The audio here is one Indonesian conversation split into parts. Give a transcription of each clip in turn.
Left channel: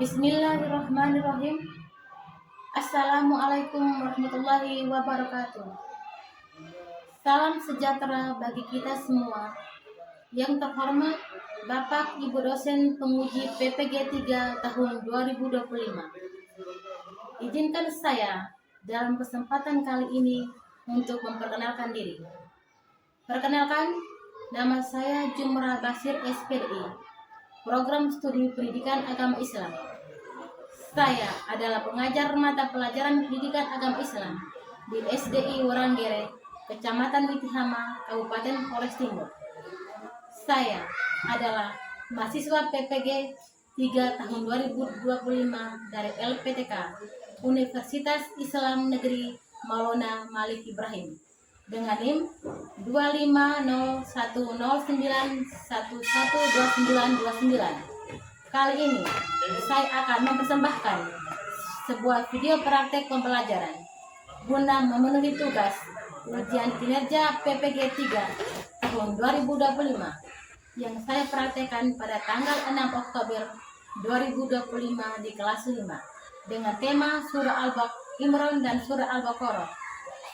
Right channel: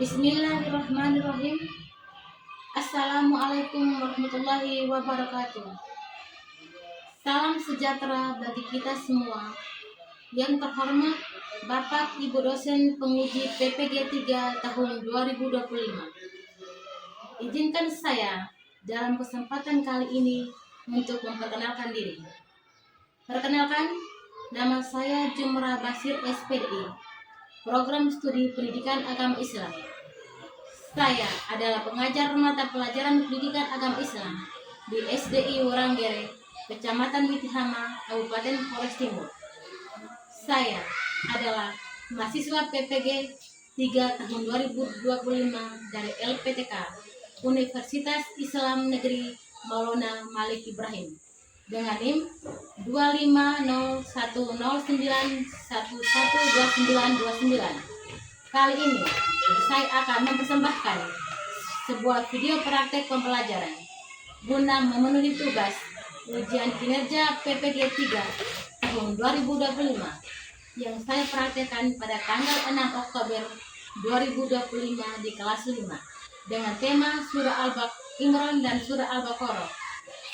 Bismillahirrahmanirrahim. Assalamualaikum warahmatullahi wabarakatuh. Salam sejahtera bagi kita semua. Yang terhormat Bapak Ibu dosen penguji PPG 3 tahun 2025. Izinkan saya dalam kesempatan kali ini untuk memperkenalkan diri. Perkenalkan, nama saya Jumrah Basir SPDI, Program Studi Pendidikan Agama Islam. Saya adalah pengajar mata pelajaran pendidikan agama Islam di SDI Woranggere, Kecamatan Mitihama, Kabupaten Flores Timur. Saya adalah mahasiswa PPG 3 tahun 2025 dari LPTK Universitas Islam Negeri Maulana Malik Ibrahim dengan NIM 2501091112929. Kali ini saya akan mempersembahkan sebuah video praktek pembelajaran guna memenuhi tugas ujian kinerja PPG 3 tahun 2025 yang saya praktekkan pada tanggal 6 Oktober 2025 di kelas 5 dengan tema Surah Al-Imran dan Surah Al-Baqarah.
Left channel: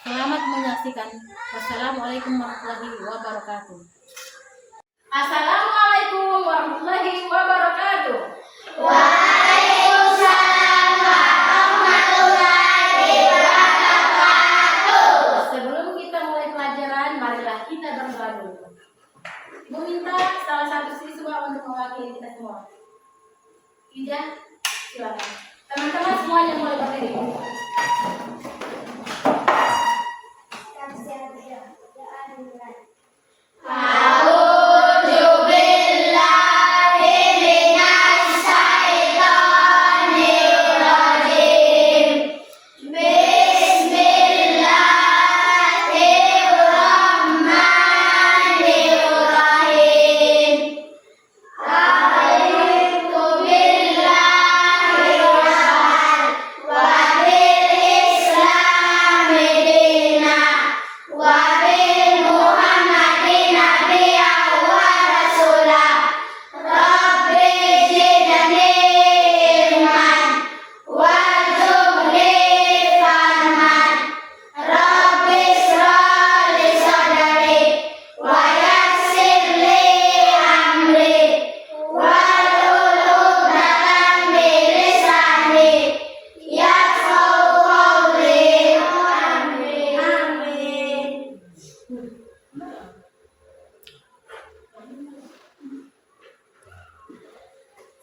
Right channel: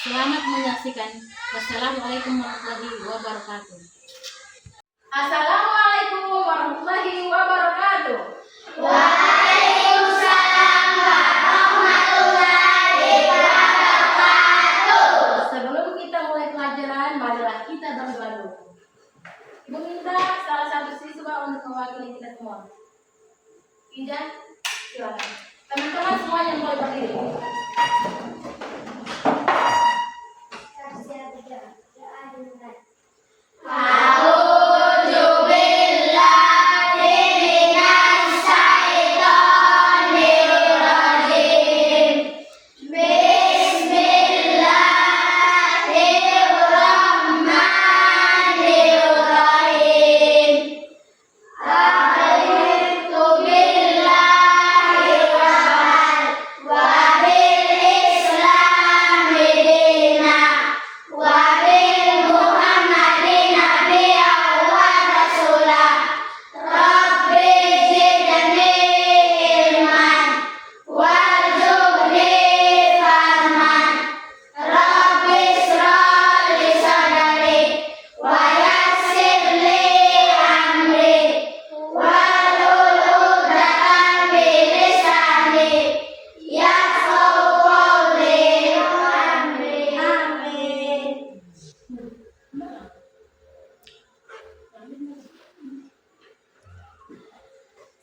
Selamat menyaksikan. Wassalamualaikum warahmatullahi wabarakatuh. Assalamualaikum warahmatullahi wabarakatuh. Waalaikumsalam warahmatullahi wabarakatuh. Sebelum kita mulai pelajaran, marilah kita berdoa dulu. Ibu minta salah satu siswa untuk mewakili kita semua. Ida, silakan. Teman-teman semuanya mulai berdiri.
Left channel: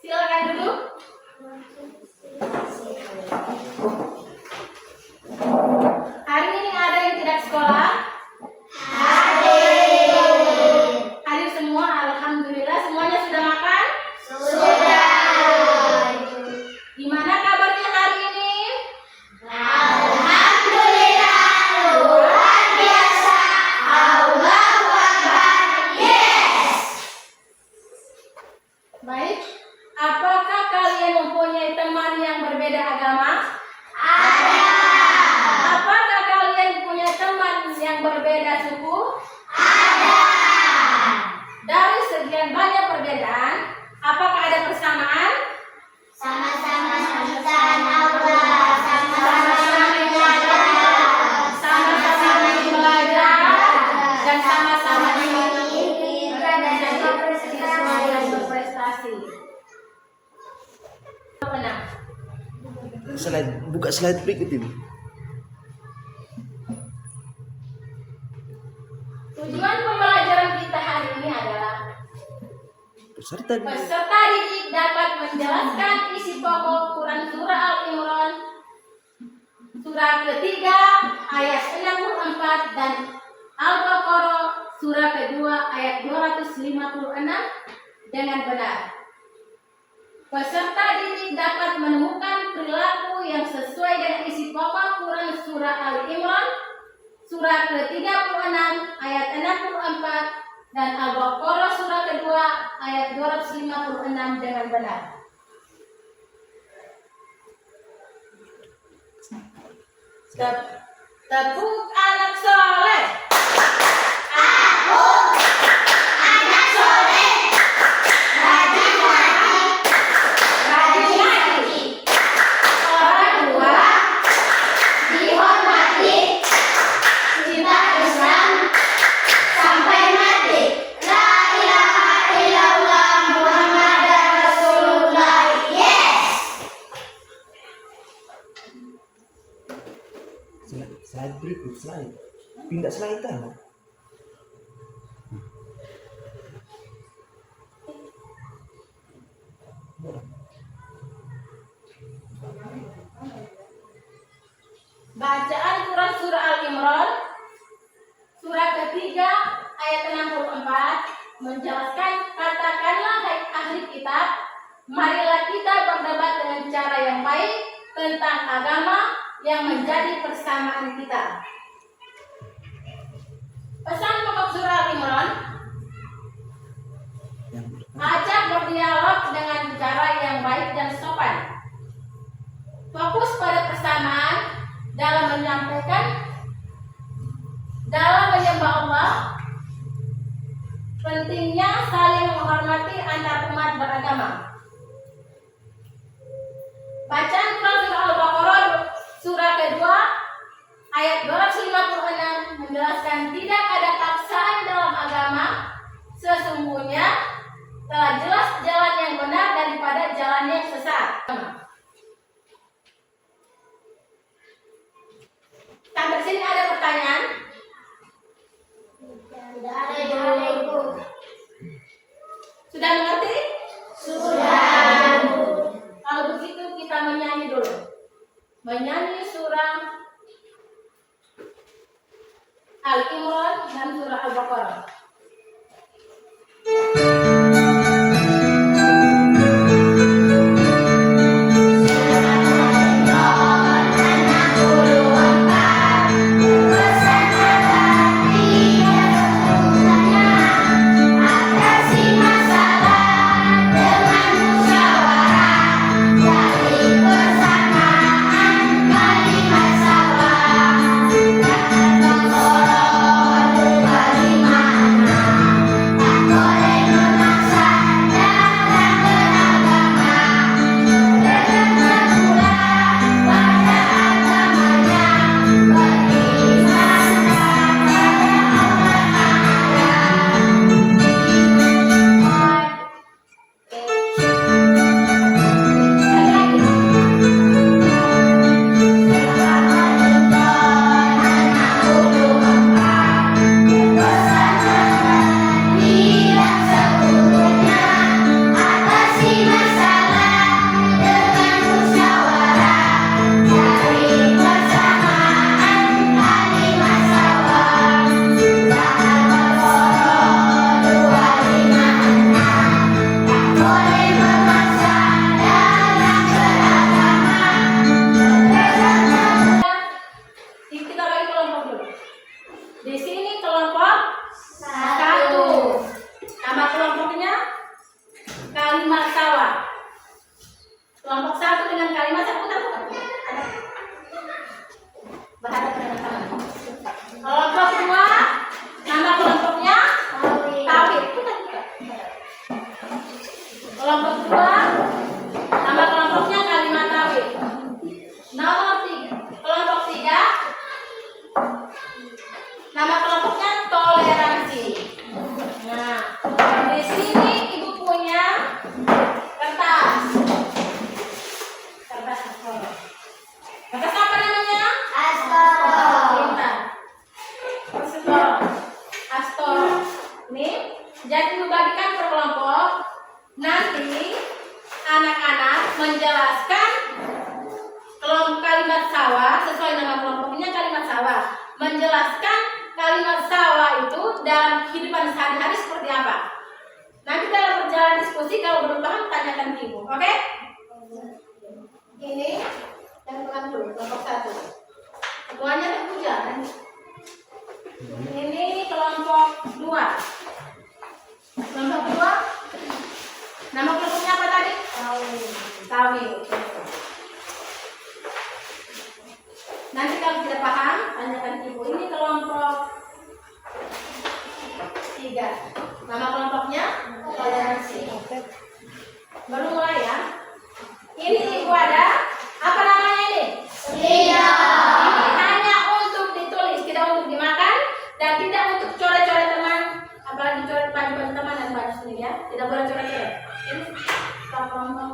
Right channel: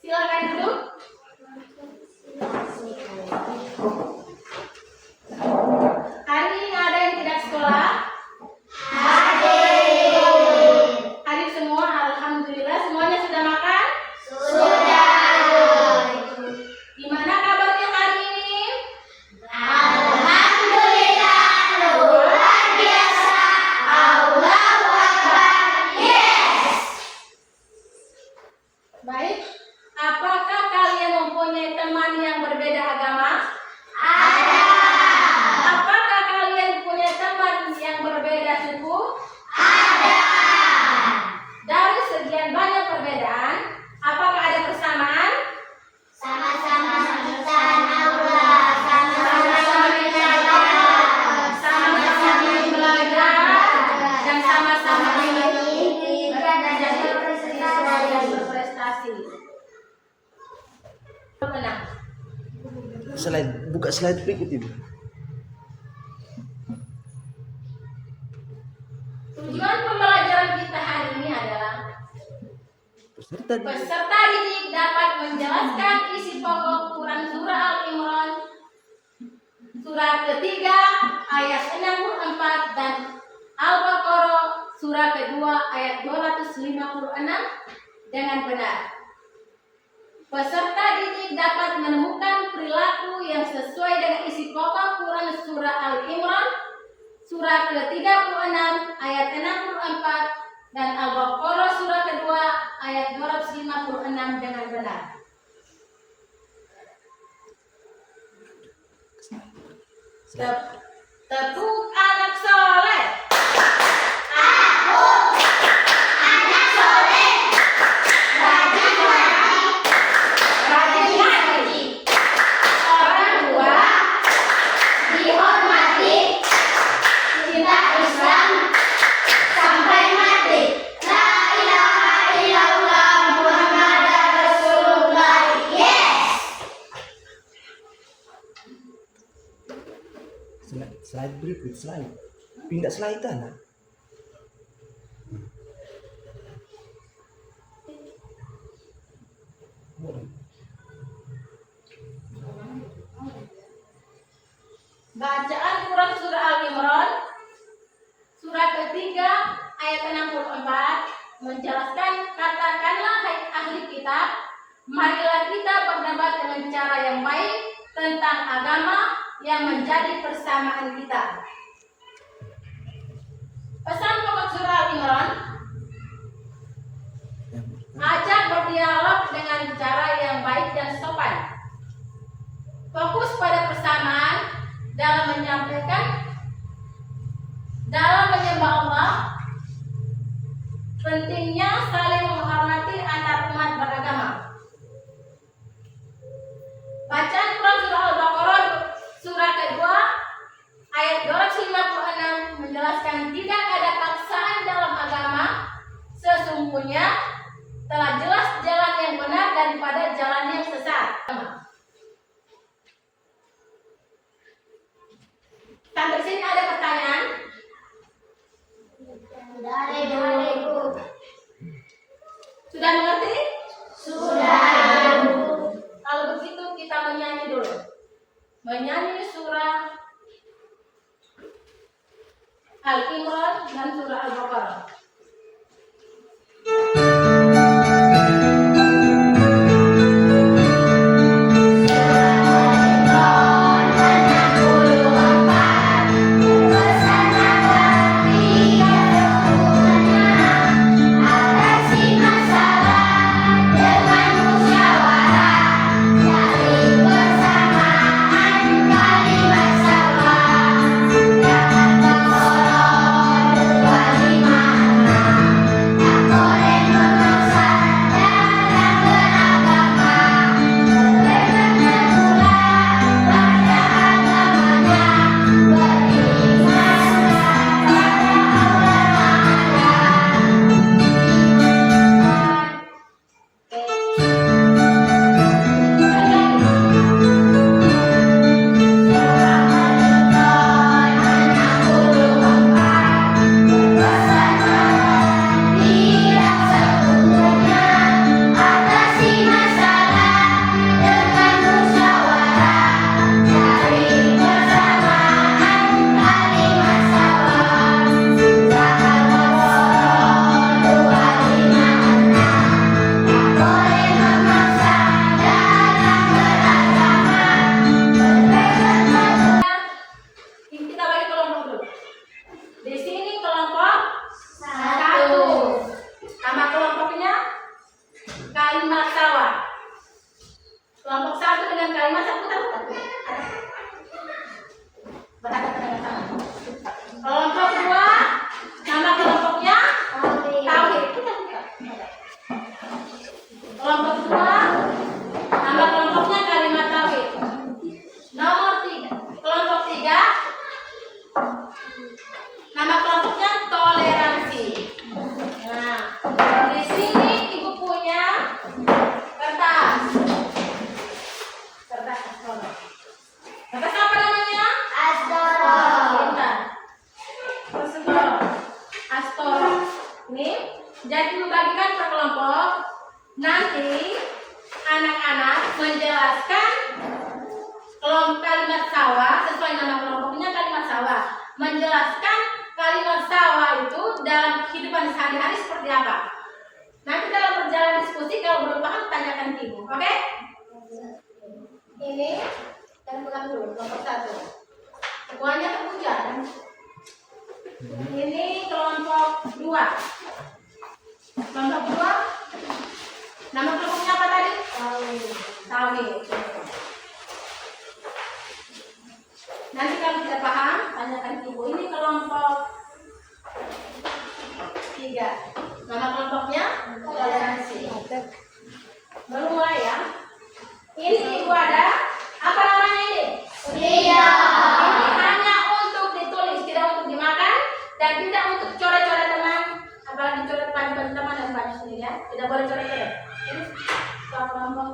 Silakan duduk. Hari ini ada yang tidak sekolah? Hadir semua, alhamdulillah. Semuanya sudah makan? Sudah. Gimana kabarnya hari ini? Alhamdulillah, luar biasa. Allahu Akbar. Yes. Baik. Apakah kalian mempunyai teman yang berbeda agama? Ada. Apakah kalian punya teman yang berbeda suku? Ada. Dari sekian banyak perbedaan, apakah ada persamaan? Sama-sama menciptakan Allah. Sama-sama menjaga. Sama-sama belajar dan sama-sama ingin menjadi siswa yang berprestasi. Menang. Buka slide berikut ini. Tujuan pembelajaran kita hari ini adalah Peserta peserta didik dapat menjelaskan isi pokok Quran Surah Al-Imran surah ketiga ayat 64 dan Al-Baqarah surah kedua ayat 256 dengan benar. Peserta didik dapat menemukan perilaku yang sesuai dengan isi pokok Quran surah Al-Imran surah ke-36 ayat 64 dan Al-Baqarah surah kedua ayat 256 dengan benar. Tepuk anak soleh. Aku anak soleh. Rajin Ikut slide. Pindah slide lah. Bacaan Quran surah Al-Imran surah ketiga ayat 64 menjelaskan, katakanlah hai ahli kitab, marilah kita berdebat dengan cara yang baik tentang agama yang menjadi persamaan kita. Pesan pokok surah Al-Imran, ajak berdialog dengan cara yang baik dan sopan. Fokus pada persamaan dalam menyampaikan, dalam menyembah Allah. Pentingnya saling menghormati antar umat beragama. Bacaan Quran surah Al-Baqarah surah kedua ayat 256 menjelaskan tidak ada paksaan dalam agama, sesungguhnya telah jelas jalan yang benar daripada jalan yang sesat. Sampai sini ada pertanyaan? Sudah mengerti? Sudah. Kalau begitu kita menyanyi dulu. Menyanyi surah Al-Imran dan surah Al-Baqarah. Jadi membagikan per kelompok. Nanti anak-anak menjelaskan kalimat sawah sesuai nama kelompoknya, kalimat sawah. Menjelaskan kalimat sawah itu dalam kehidupan sehari-hari seperti apa. Nanti dalam berjalan diskusi kalau belum paham tanyakan ke ibu, oke? Ini yang pegang dulu kelompok 1. Ketuanya terpuja. Ini kelompok 2. Kelompok 2. Nama kelompoknya apa tadi? Tawi. Nanti kalau tidak paham tanyakan ke ibu. Ini kelompok 3. Nama kelompoknya toleransi. Baru mulai ya. Ini ibu ada apa namanya ini? Iya. Ini hanya untuk ditulis, tidak untuk dimakan dan tidak untuk coret-coret teman, apalagi coret baju-baju teman dan baju sendiri ya. Tidak boleh coret-coret. Ini kelompok.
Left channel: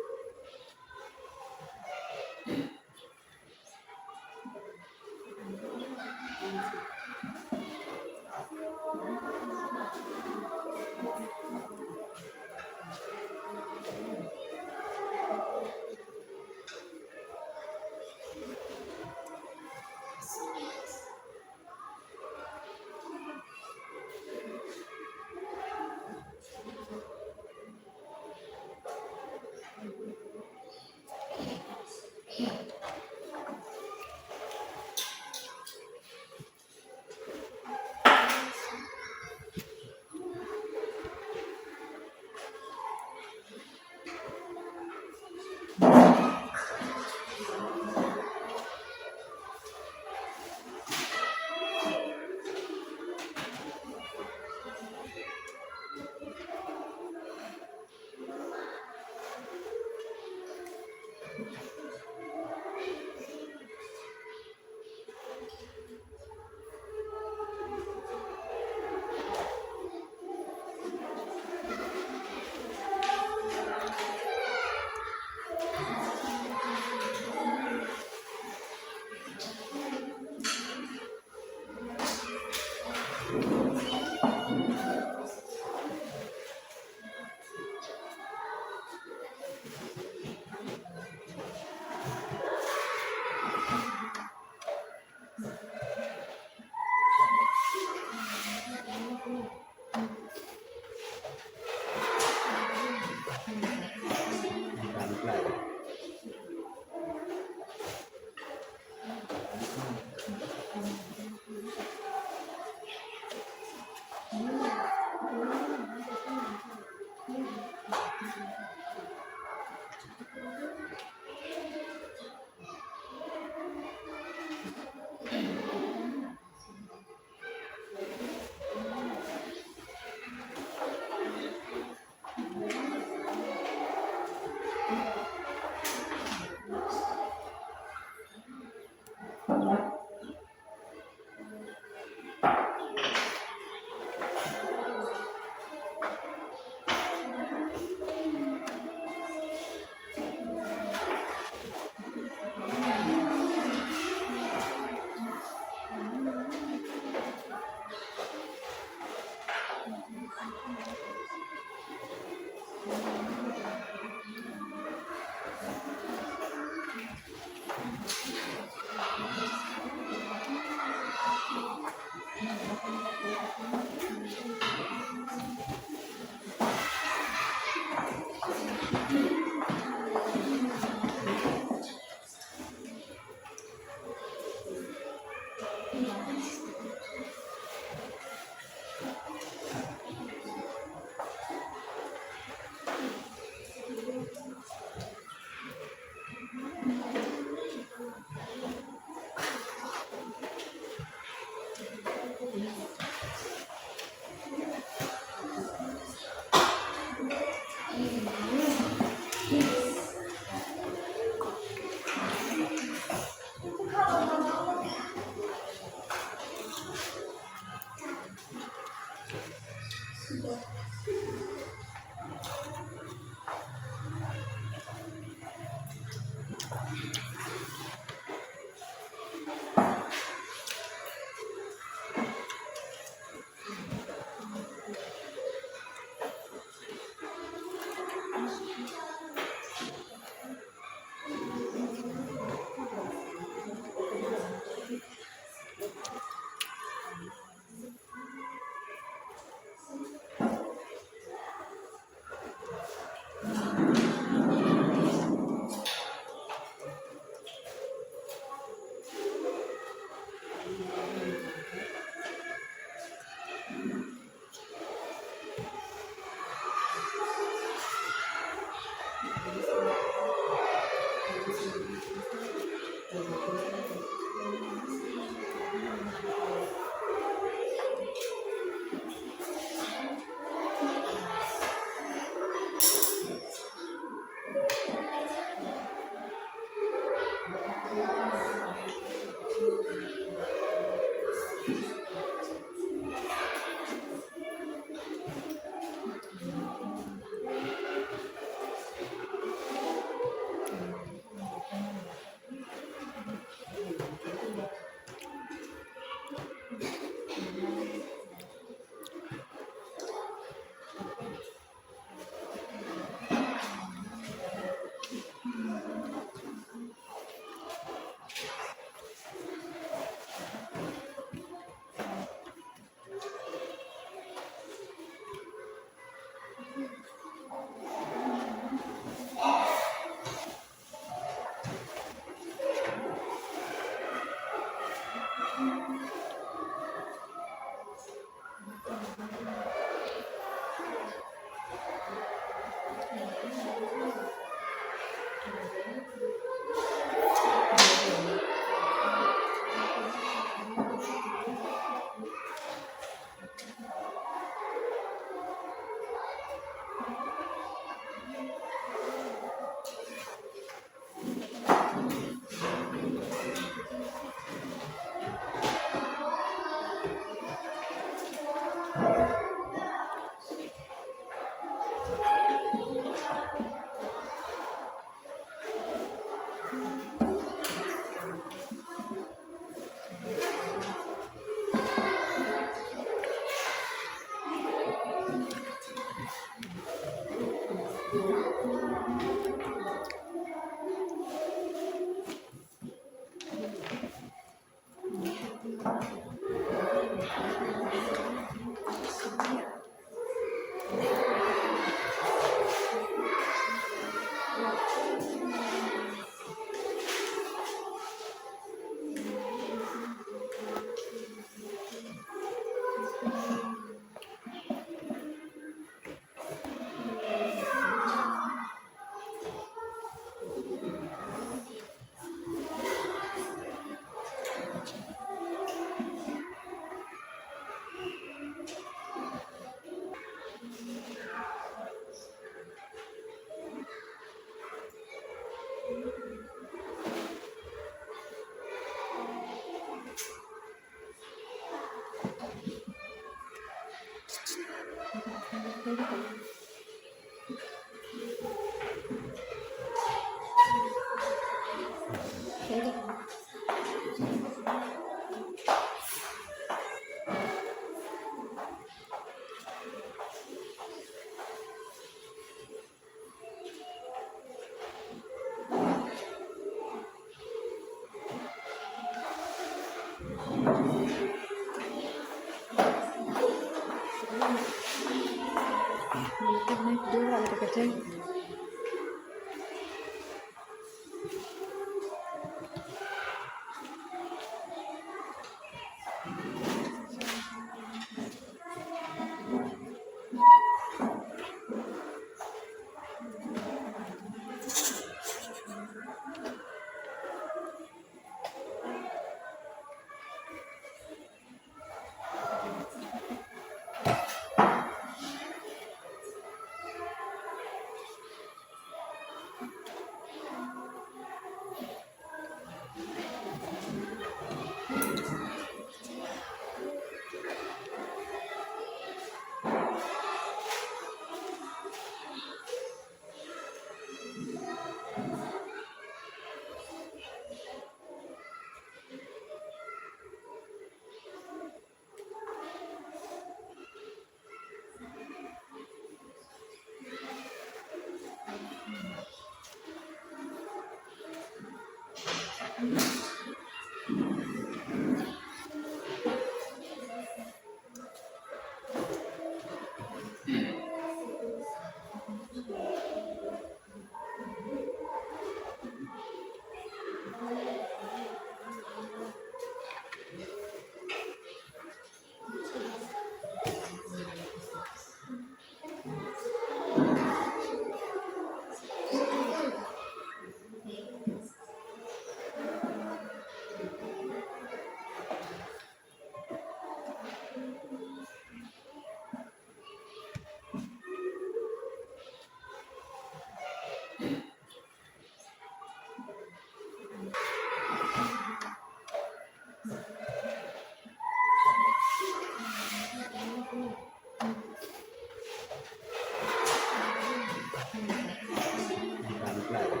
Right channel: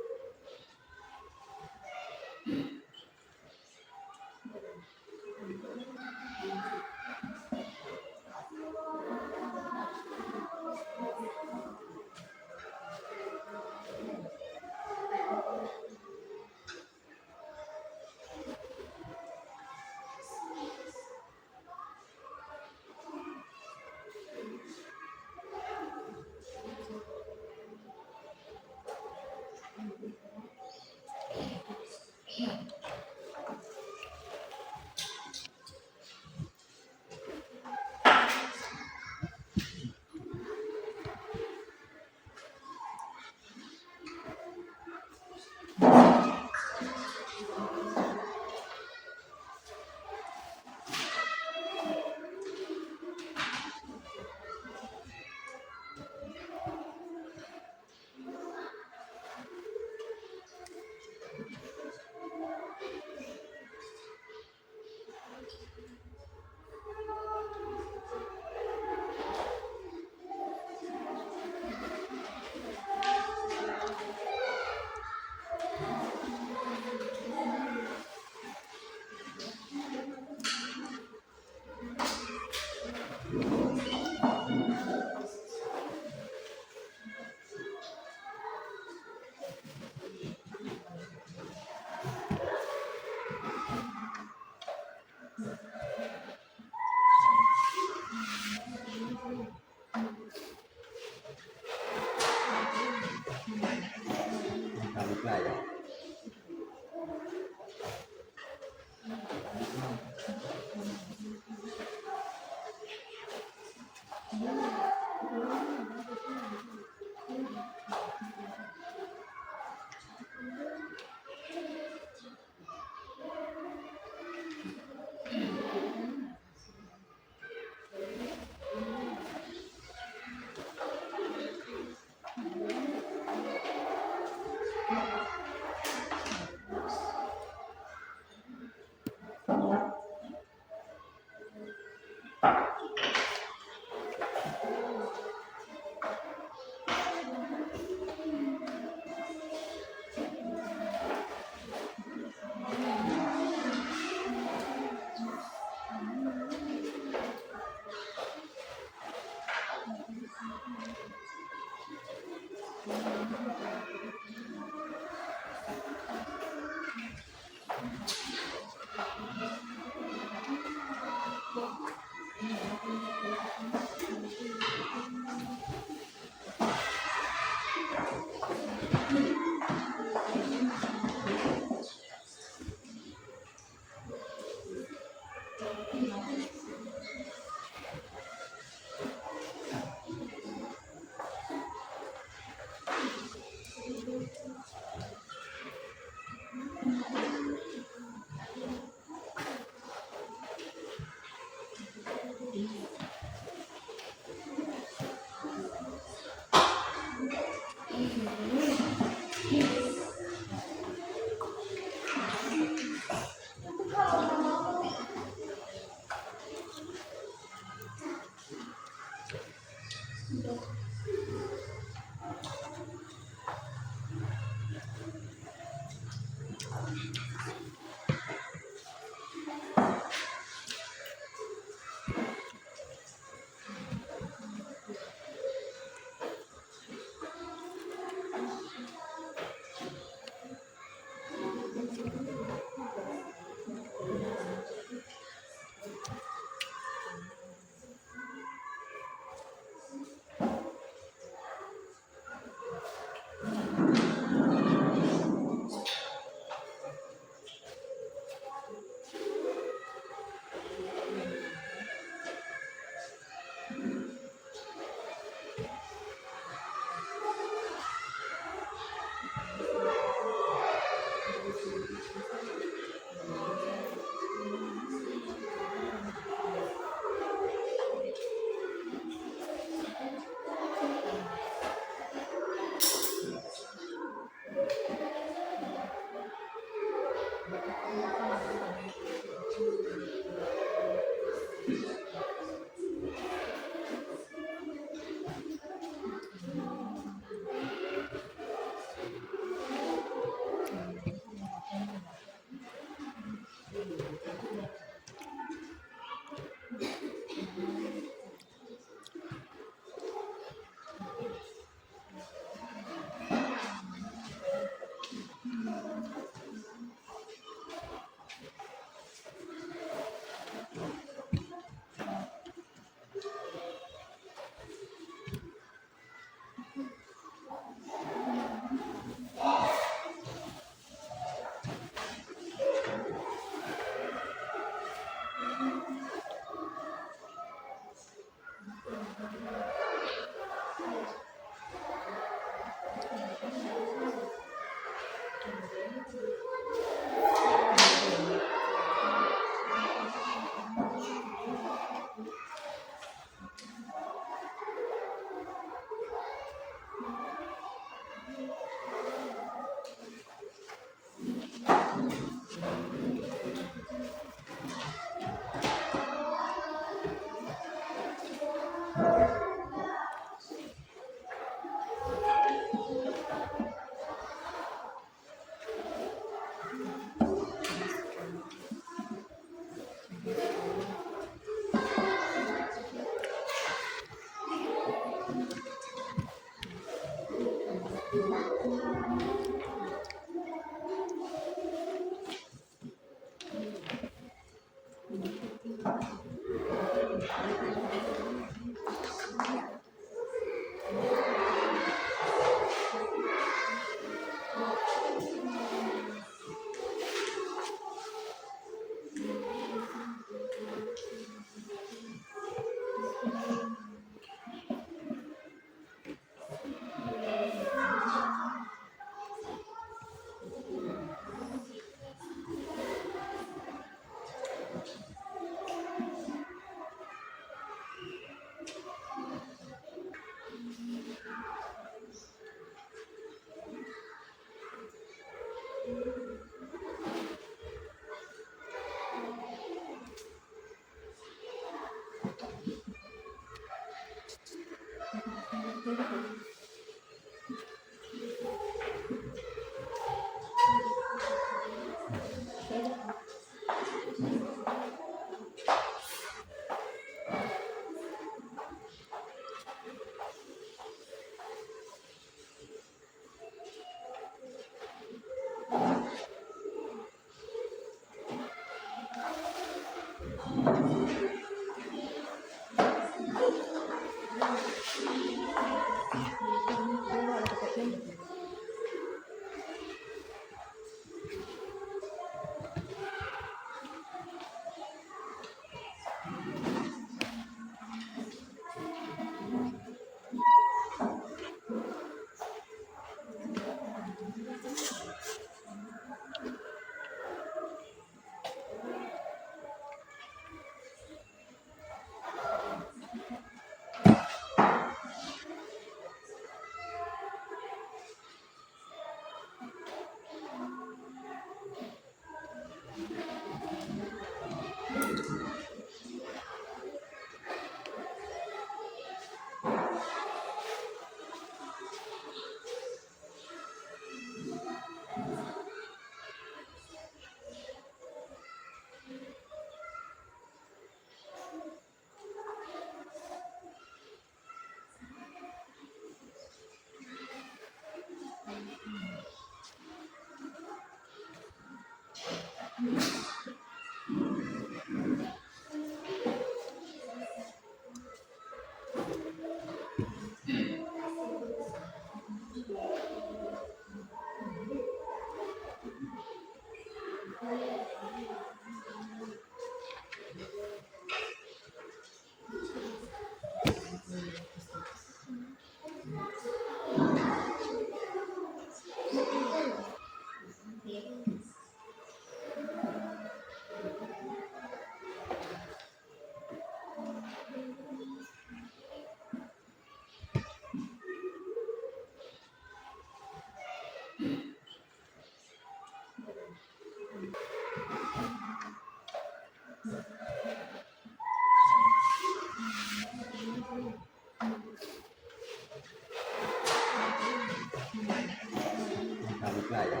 Balik lah ya.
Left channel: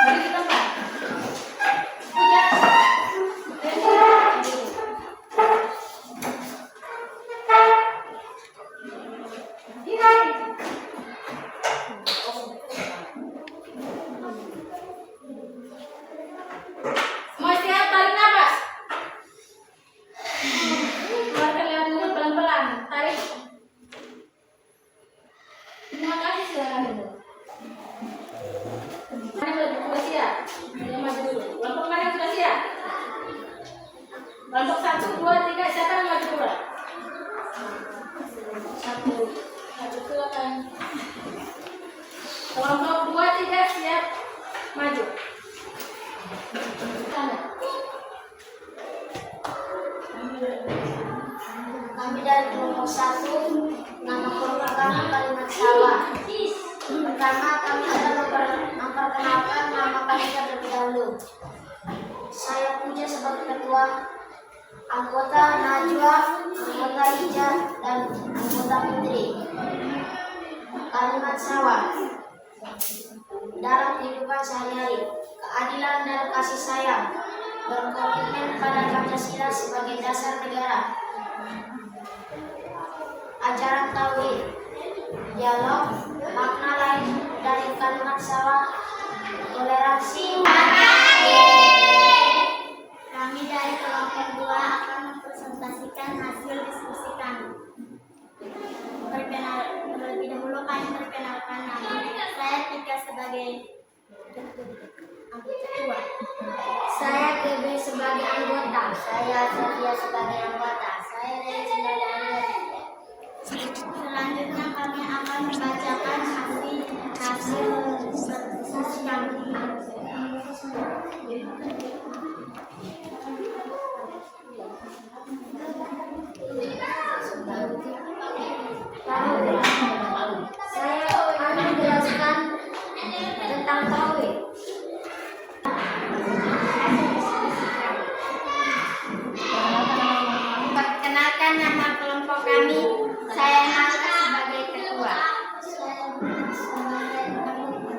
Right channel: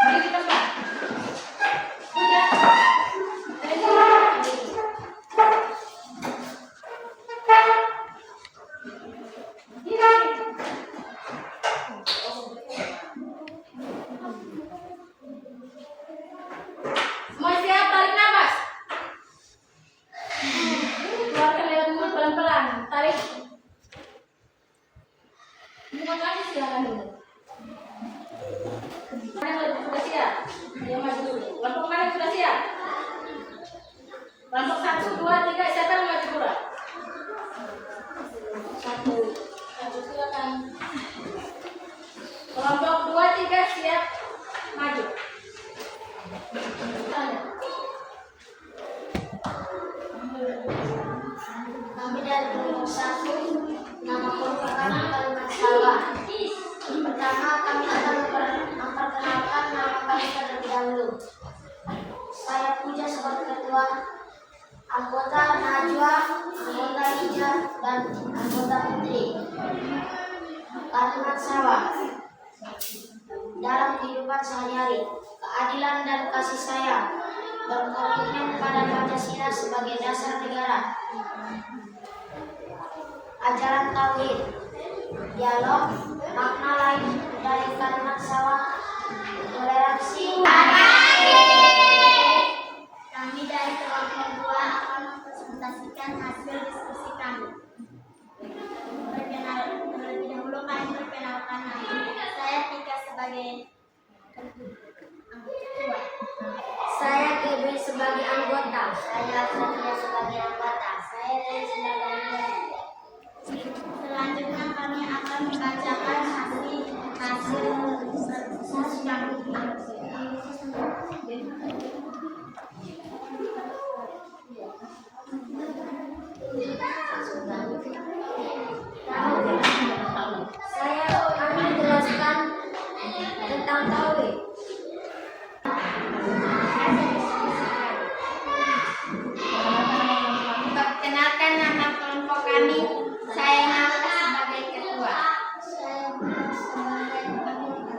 Mari kita mulai. Semua siap, tarik nafas. Keluarkan lewat mulut pelan-pelan. Tarik. Terima kasih, silakan dulu. Mana yang sudah siap? Dia maju dulu. Kelompok mana yang sudah siap? Kelompok 1, 2, 3, siapa yang maju dulu? 1, silakan. Kelompok 2, 3 siap maju. Tanda. Kami dari kelompok 1, nama kelompok kami Kalimat Sawah. Pertama, kami akan memperkenalkan nama kami terlebih dahulu. Saya Puja sebagai ketua, anggota Najwa, anggota Ija, dan anggota Putri. Kalimat Sawah. Dalam kehidupan sehari-hari, keadilan dan kasih sayang, berkomitmen pada Pancasila sebagai dasar negara. Ajaran tauhid, dialog, makna lain dari kalimat sawah, toleransi. Kami dari kelompok 2 akan mempresentasikan hasil diskusi kami. Terlebih dahulu kami perkenalkan nama. Saya Tika sebagai ketua. Saya GB sebagai anggota. Saya Sofia sebagai anggota. Saya Rey sebagai anggota. Selanjutnya kami akan membacakan hasil diskusi kami. Saya akan menjelaskan tentang tauhid. Perkenalkan nama kelompok kami. Saya Nasa sebagai ketua. Saya sebagai pemuda.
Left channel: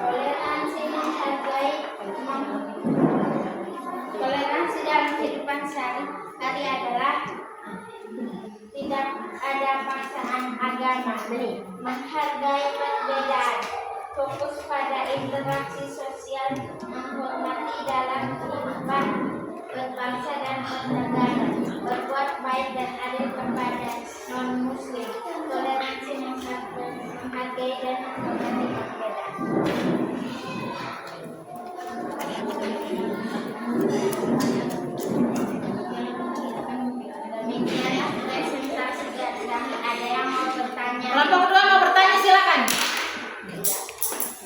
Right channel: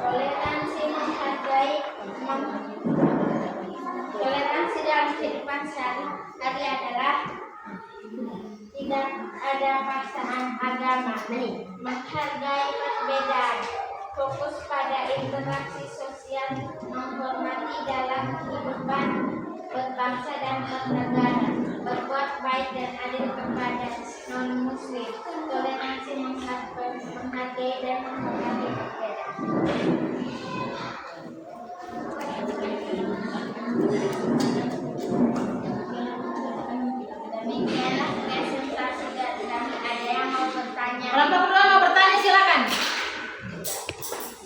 Toleransi menghargai toleransi dalam kehidupan sehari-hari adalah tidak ada paksaan agama, menghargai perbedaan, fokus pada interaksi sosial, menghormati dalam kehidupan berbangsa dan bernegara, berbuat baik dan adil kepada non-muslim, toleransi menghargai dan menghormati perbedaan. Demikianlah presentasi dari kami. Ada yang mau bertanya? Kelompok 2 mau bertanya, silakan.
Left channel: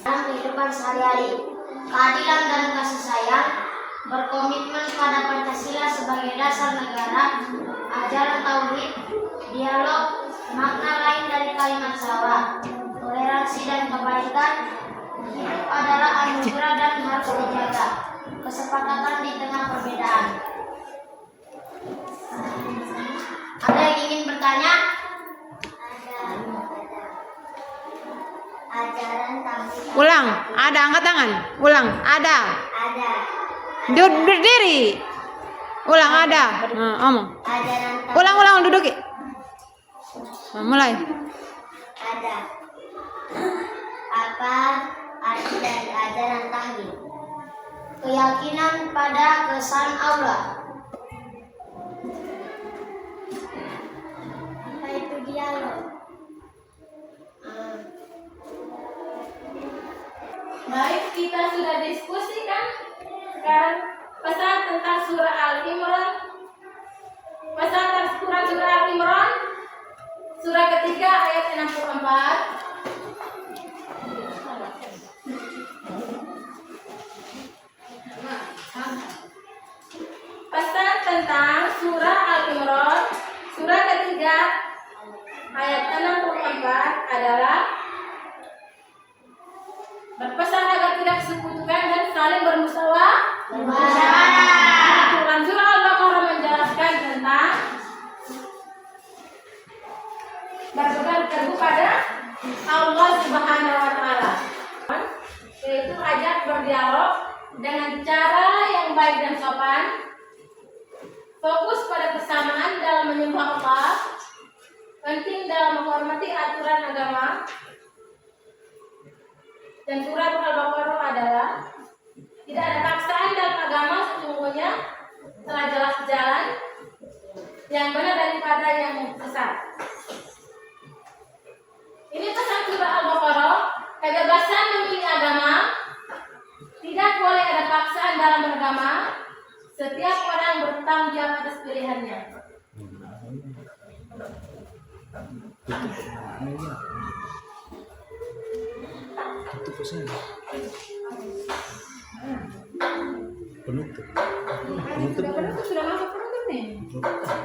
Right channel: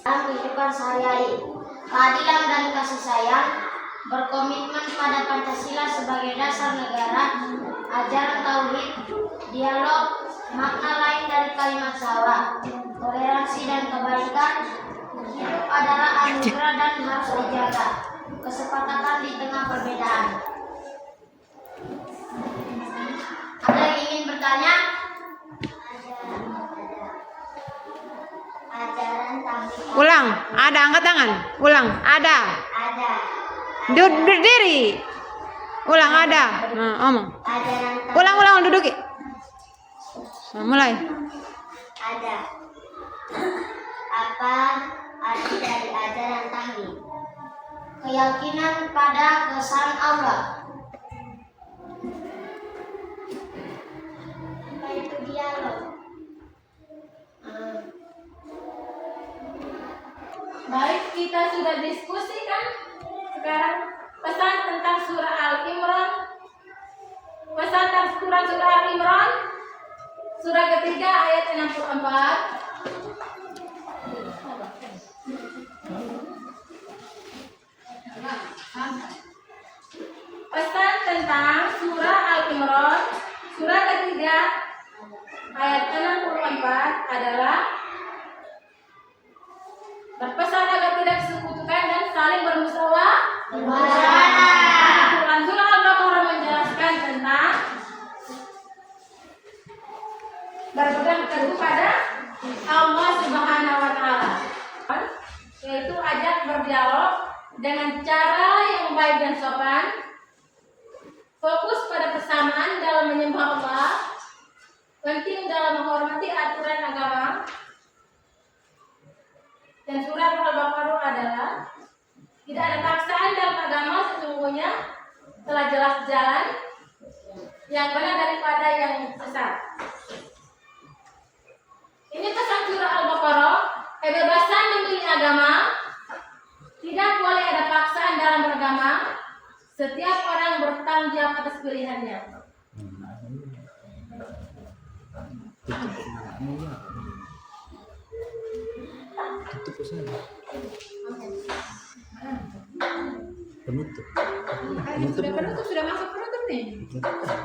Dalam kehidupan sehari-hari, keadilan dan kasih sayang, berkomitmen pada Pancasila sebagai dasar negara, ajaran tauhid, dialog, makna lain dari kalimat Sawa, toleransi dan kebaikan. Hidup adalah anugerah dan harus dijaga. Kesepakatan di tengah perbedaan. Ada yang ingin bertanya? Ada. Ajaran tauhid. Ulang, ada, angkat tangan. Ulang, ada. Ada. Berdiri. Ulang, ada. Nah, omong. Ajaran tauhid. Ulang, duduk. Nah, mulai. Ada. Apa arti dari ajaran tauhid? Keyakinan pada kesan Allah. Apa itu dialog? Baik, kita sudah diskusikan sekarang pesan tentang surah Al-Imran. Pesan tentang surah Al-Imran, surah ketiga ayat 64. Pesan tentang surah Al-Imran, surah ketiga ayat 64 adalah berpesan agar tidak sekutukan dan saling bermusyawarah. Quran surah Al-Baqarah menjelaskan tentang berpegang teguh pada Allah Subhanahu wa taala, yaitu ajak berdialog dengan cara yang baik dan sopan, fokus pada kesamaan dalam menyembah Allah, penting dalam menghormati aturan agama. Dan surat Al-Baqarah adalah tidak ada paksaan dalam agama, sesungguhnya telah jelas jalan yang benar daripada yang sesat. Ini pesan surah Al-Baqarah, kebebasan memilih agama, tidak boleh ada paksaan dalam beragama, setiap orang bertanggung jawab atas pilihannya. Tutup pesan. Penutup. Sudah masuk penutup nih.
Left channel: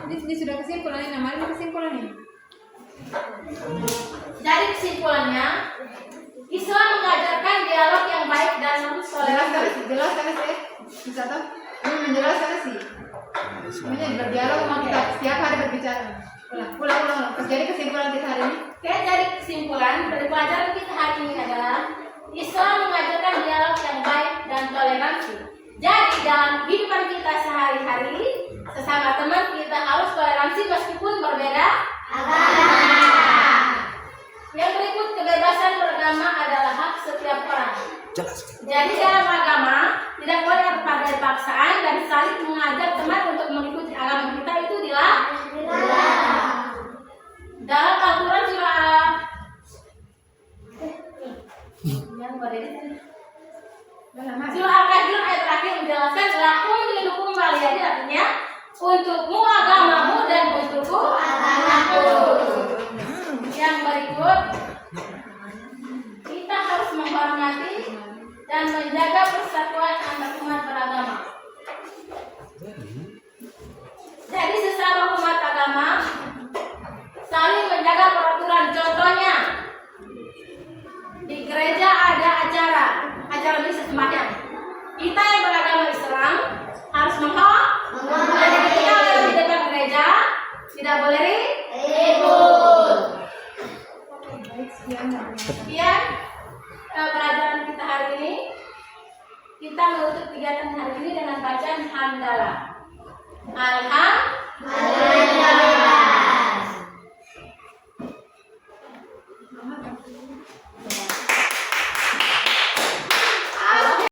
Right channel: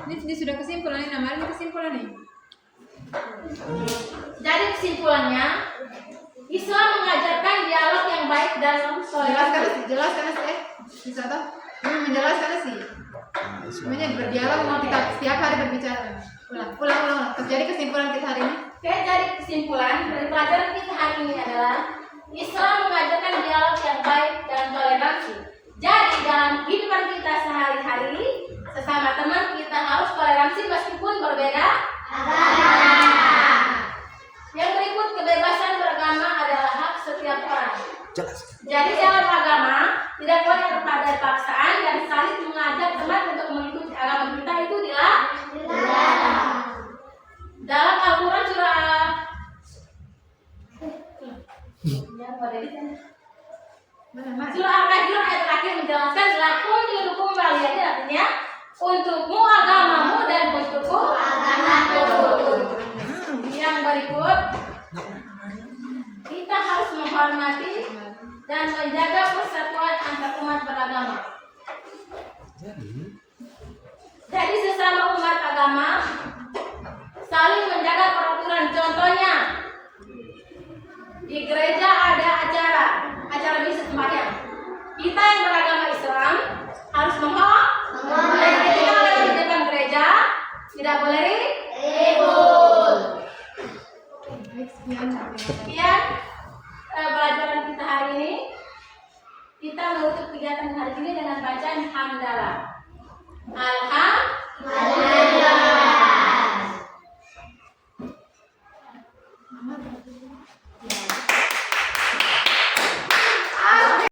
Ini sudah kesimpulan, ini namanya kesimpulan nih. Jadi kesimpulannya, Islam mengajarkan dialog yang baik dalam toleransi. Jelaskan sih. Bisa toh? Ini menjelaskan sih. Semuanya berdialog mau kita setiap hari berbicara. Ulang. Jadi kesimpulan kita hari ini. Oke, dari kesimpulan dari pelajaran kita hari ini adalah Islam mengajarkan dialog yang baik dan toleransi. Jadi dalam kehidupan kita sehari-hari, sesama teman kita harus toleransi meskipun berbeda agama. Yang berikut, kebebasan beragama adalah hak setiap orang. Jelas. Jadi dalam agama tidak boleh ada paksaan dan saling mengajak teman untuk mengikuti agama kita, itu dilarang. Dalam Al-Quran surah yang surah Al-Kahfi ayat terakhir menjelaskan lakum dinukum waliyadin, artinya untukmu agamamu dan untukku agamaku. Yang berikut, kita harus menghormati dan menjaga persatuan antar umat beragama. Jadi sesama umat agama saling menjaga peraturan. Contohnya, di gereja ada acara misa sembahyang. Kita yang beragama Islam harus menghormati. Kita yang di depan gereja tidak boleh ribut. Sekian pelajaran kita hari ini. Kita menutup kegiatan hari ini dengan bacaan hamdalah. Alhamdulillah.